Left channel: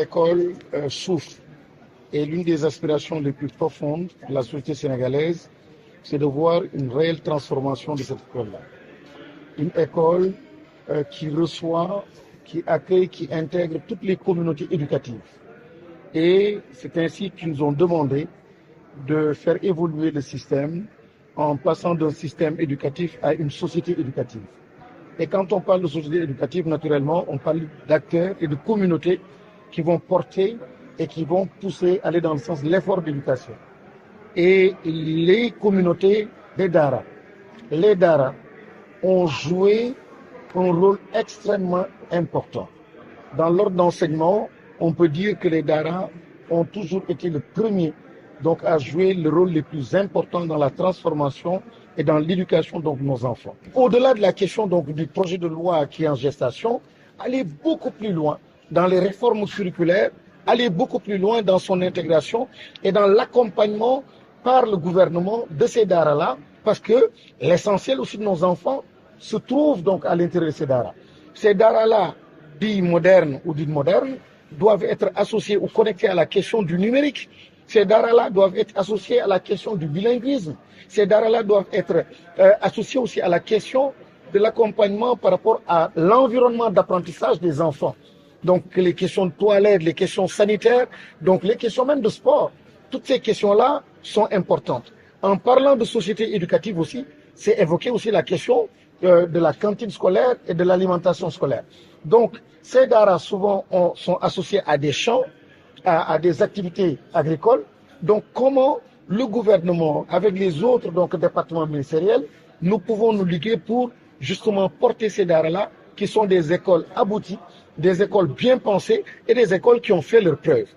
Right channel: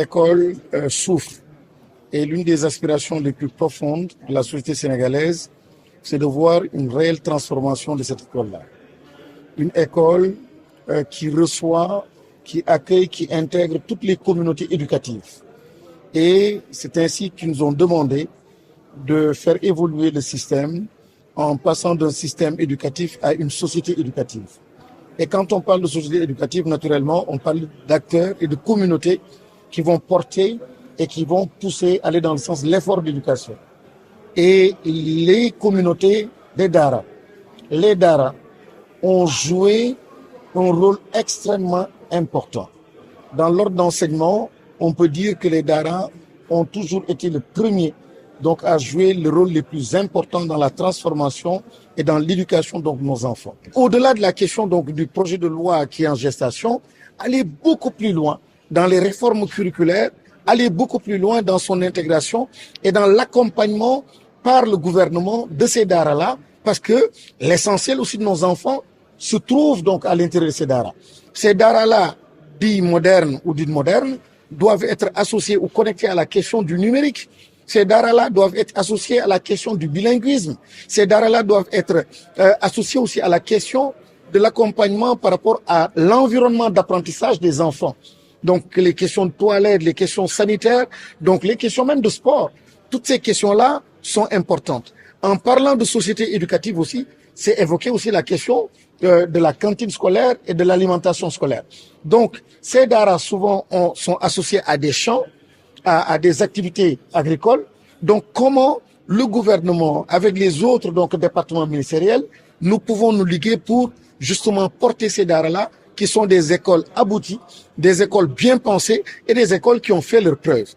l'école souffre. Et l'une des aspirations les plus profondes de la société sénégalaise, c'est de voir une réelle transformation de cette école-là. Une école qui reçoit, qui accueille, qui intègre toutes les communautés éducatives. Et c'est ainsi qu'ils nous ont demandé de faire évoluer le système en passant d'un système éducatif à une société éducative. Et quand on parle de société éducative, naturellement, on parle d'acteurs et de communautés qui vont porter et qui vont pousser, aller dans le sens de l'effort d'éducation. Et les communautés des Daara, les Daara ont joué un rôle extrêmement important. Dans l'ordre d'enseignement, on peut dire que les Daara ont toujours été le premier donc à jouer le rôle le plus important dans la transformation et dans l'éducation de nos enfants. Au-delà de la question donc du projet de loi qui est en gestation, aller beaucoup plus loin dans les réformes curriculaires, aller beaucoup plus loin dans son intégration et dans l'accompagnement par le gouvernement de ces Daara-là, parce que l'essentiel aussi de nos enfants se trouve donc à l'intérieur de ces Daara. Ces Daara-là, dits modernes ou dites modernes, doivent être associés ou connectés à la question du numérique. Ces Daara-là doivent être associés à la question du bilinguisme. Ces Daara-là doivent être associés aussi à la question de l'accompagnement par rapport à l'environnement d'apprentissage des enfants. Donc les questions de toilettes, les questions sanitaires, donc les questions même de sport. Toutes ces questions-là sont importantes. En parlant de société éducative aussi, c'est évoquer aussi la question de la cantine scolaire et de l'alimentation scolaire. Donc ces Daara souvent sont associés à des champs, à des activités agricoles. Donc comment le gouvernement, avec les autres donc, départements ministériels, nous pouvons nous liguer pour justement porter ces Daara-là, qui sont des écoles abouties, des écoles bien pensées et des écoles qui ont fait leurs preuves.